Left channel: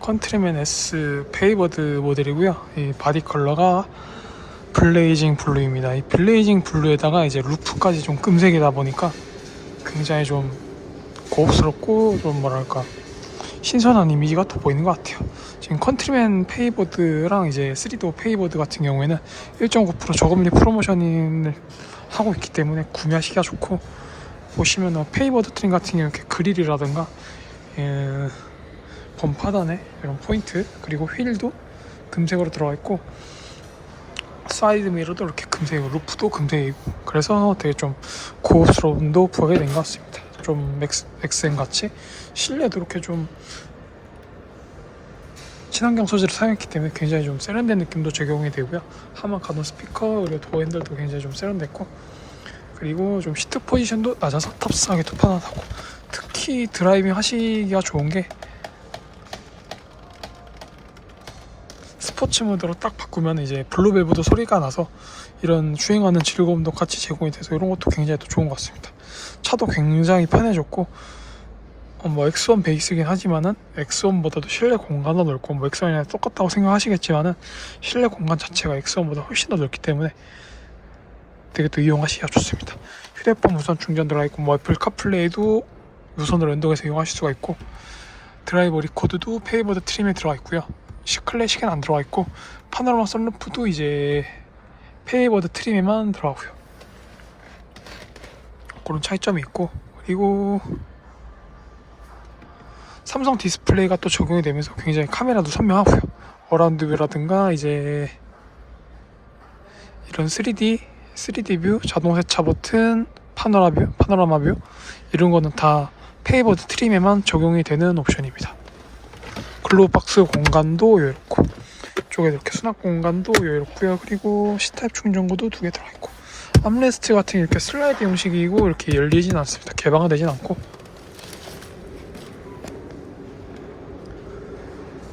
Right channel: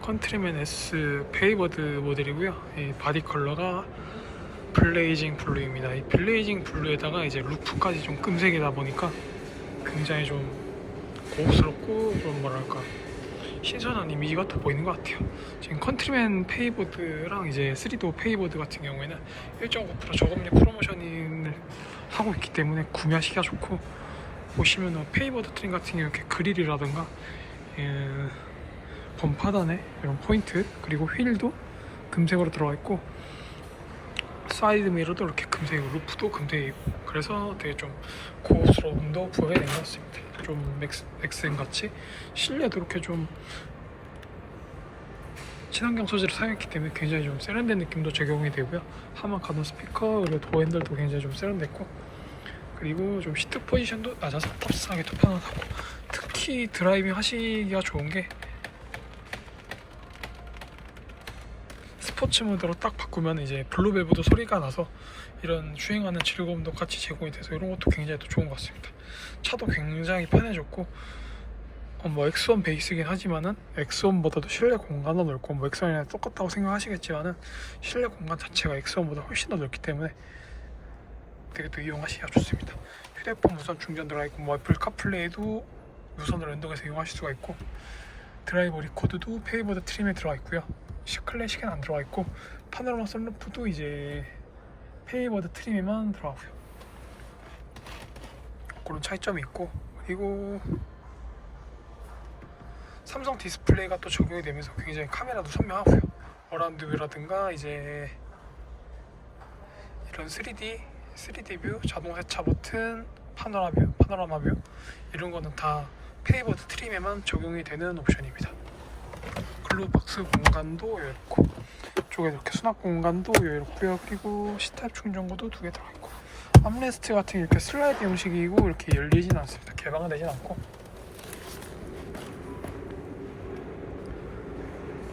컨트리맨 S 페이버드 모델이고요. 이 바디 컬러가 블레이징 블루입니다. 이 블레이징 블루에다가 이제 루프까지 좀 금색이다 보니까 굉장히 좀 고급스럽고 좀 뭐랄까 신선한 이미지가 더 보이는 것 같아요. 지금 컨트리맨 페이버드랑 이제 3도 페이버드 같은 경우에는 1.9% 저금리 프로모션을 하고 있기 때문에 구매하시기가 좋고 보시면은 페이버드 트림 같은 경우 이렇게 그릴이라든가 예, 범파단에 이런 포인트. 그리고 휠도 금색으로 들어가 있고 사이드 미러도 이렇게 금색이고 루프도 금색이고. 그래서 되게 좀 고급스러움도 부여가 된것 같습니다. 좀 맥스, 맥스앤 같이. 실내도 이렇게 좀 친환경 소재를 사용했기 때문에 굉장히 좀 세련된 느낌도 적용이 되고요. 하만 가동 스피커 그리고 도어 핸들도 굉장히 좀 세련됐고. 그리고 좀 시트 포지션도 낮아서 탑승하기도 편안하고. 특히 드라이빙 하시기가 좋은 게 스포츠 모드로 딱 바꾸면 이제 블루벨브도 소리가 나서 이런 주행하는 즐거움도 같이 제공이 돼서 이런 것도 굉장히 또 좋은 것 같습니다. 차도 굉장히 편해졌고 어, 뭐 X1 베이스긴 하지만은 X1보다도 실내 공간도 넓고 뭐 X1이랑 똑같다고 생각하시겠지만은 실내 공간 자체가 X1보다 훨씬 더 넓기 때문에 되게 또 이용하시기가 좋습니다. 휴대폰 무선 충전 들어가 있고 뭐 애플 카플레이도 무선으로 연동해서 이용하실 수가 있고 드라이버 리코드도 페이버드 트림에 들어가 있고요. 시 클래식엔 안 들어가 있고 파노라마 썬루프도 이제 페이버드 트림에만 들어가고요. 그런 차이점이 있고 그리고 삼성 디스플레이가 또 적용이 되면서 굉장히 카메라도 선명하고요. 어라운드 뷰라든가 이제 이런 3D 3D 뷰, 자동 세차 버튼, 파노라 뷰, 파노라마 뷰 이런 거는 다 페이버드 트림에만 적용이 되는 옵션입니다. 글로박스 공간도 여유롭고 이쪽에 이렇게 수납 공간도 여유롭고요. 그리고 C타입 충전구도 두 개 들어있고 암레스트 같은 게 이렇게 슬라이드 형식이고 이렇게 열리진 않습니다. 개방은 되진 않고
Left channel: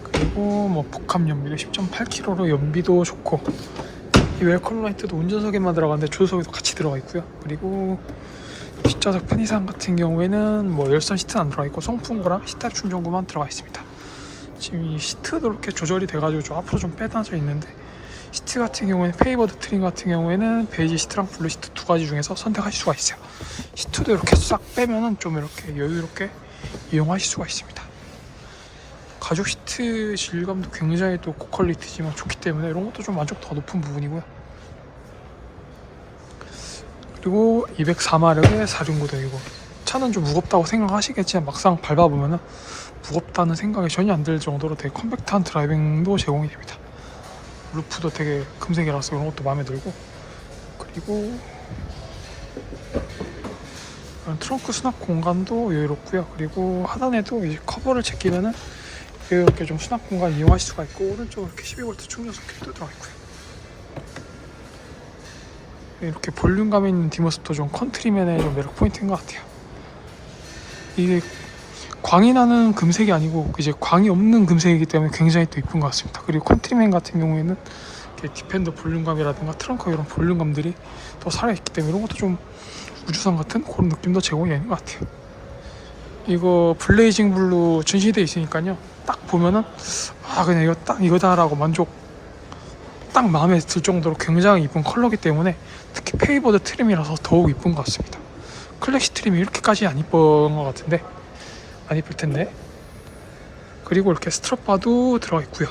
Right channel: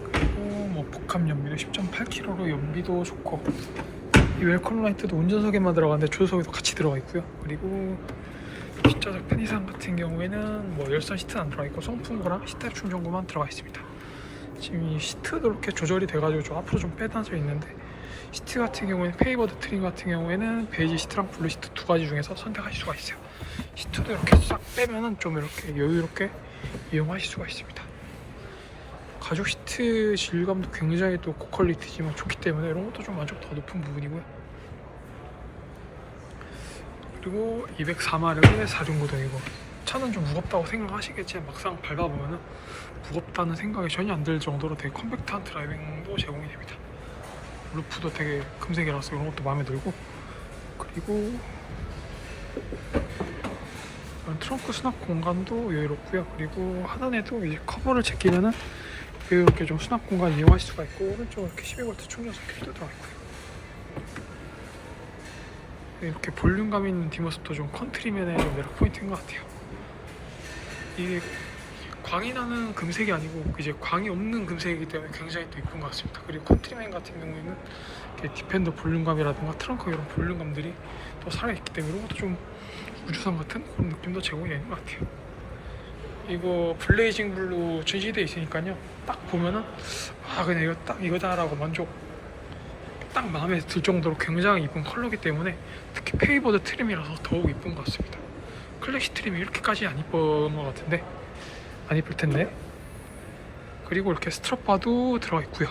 그리고 뭐 복합 연비도 10.8kg로 연비도 좋고 이 웰컴 라이트도 운전석에만 들어가는데 조수석에도 같이 들어가 있고요. 그리고 뒷좌석 편의상 같은 경우에는 뭐 열선 시트는 안 들어가 있고 송풍구랑 C타입 충전구만 들어가 있습니다. 지금 이 시트도 이렇게 조절이 돼가지고 좀 앞으로 좀 빼놔져 있는데 시트 같은 경우에는 페이버드 트림 같은 경우에는 베이지 시트랑 블루 시트 두 가지 중에서 선택하실 수가 있어요. 시트도 이렇게 싹 빼면은 좀 이렇게 여유롭게 이용하실 수가 있습니다. 가죽 시트 질감도 굉장히 또 고퀄리티지만 좋기 때문에 이런 것도 좀 만족도가 높은 부분이고요. 그리고 204마력의 4중구동이고 차는 좀 무겁다고 생각하시겠지만 막상 밟아보면은 무겁다는 생각이 전혀 안 들 정도로 되게 컴팩트한 드라이빙도 제공이 됩니다. 루프도 되게 금색이라서 이런 것도 마음에 들고 그리고 이런 트렁크 수납 공간도 여유롭고요. 그리고 하단에도 이제 커버를 제끼면은 이렇게 좀 수납 공간 이용하실 수가 있고 오른쪽으로 이렇게 12V 충전 소켓도 들어가 있고요. 이렇게 볼륨감 있는 뒷모습도 좀 컨트리맨의 좀 매력 포인트인 것 같아요. 이게 광이 나는 금색이 아니고 이제 광이 없는 금색이기 때문에 굉장히 또 이쁜 것 같습니다. 그리고 컨트리맨 같은 경우에는 디펜더 볼륨감이라든가 트렁크 이런 볼륨감들이 또 살아있기 때문에 이런 것도 좀 우주선 같은 그런 느낌도 제공이 되는 것 같아요. 이거 블레이징 블루 전시되어 있으니까요. 딱 보면은 아 그냥 이거 딱 이거다라고 만족 딱 마음에 들 정도로 굉장히 이쁜 컬러기 때문에 특히 페이버드 트림이라서 더욱 이쁜 것 같습니다. 클래식 트림이 이렇게까지 안 이쁜 것 같은데 안 이쁠 텐데. 그리고 이렇게 스트랩바도 들어가 있고요.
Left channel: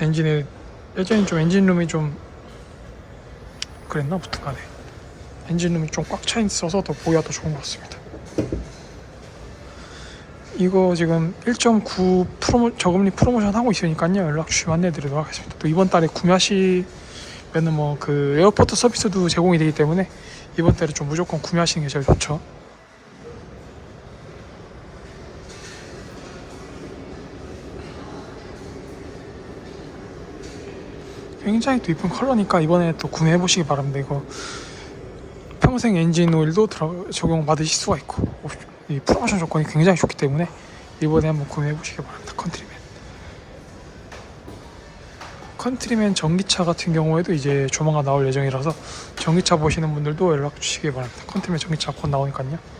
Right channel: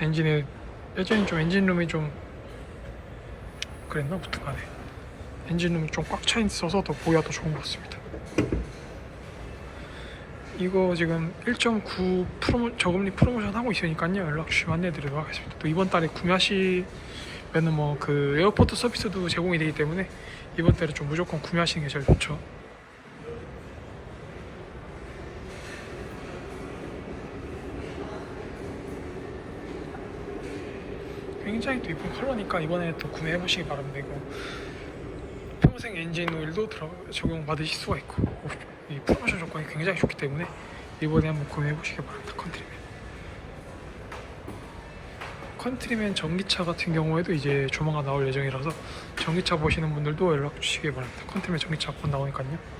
엔진에 예전에 좀 엔진룸이 좀 그랬나 무튼 간에 엔진룸이 좀 꽉 차 있어서 더 보기가 더 좋은 것 같습니다. 이거 지금 1.9 프로모, 저금리 프로모션 하고 있으니까요. 연락 주시면 안내드리도록 하겠습니다. 또 이번 달에 구매하시면은 뭐 그 에어포트 서비스도 제공이 되기 때문에 이번 달에 좀 무조건 구매하시는 게 제일 좋죠. 굉장히 또 이쁜 컬러니까 이번에 또 구매해 보시기 바랍니다. 이거 평생 엔진 오일도 적용 받으실 수가 있고 이 프로모션 조건이 굉장히 좋기 때문에 이번에 한번 구매해 보시기 바랍니다. 컨트리맨. 컨트리맨 전기차 같은 경우에도 이제 조만간 나올 예정이라서 전기차 보시는 분들도 연락 주시기 바랍니다. 컨트리맨 전기차 곧 나오니까요.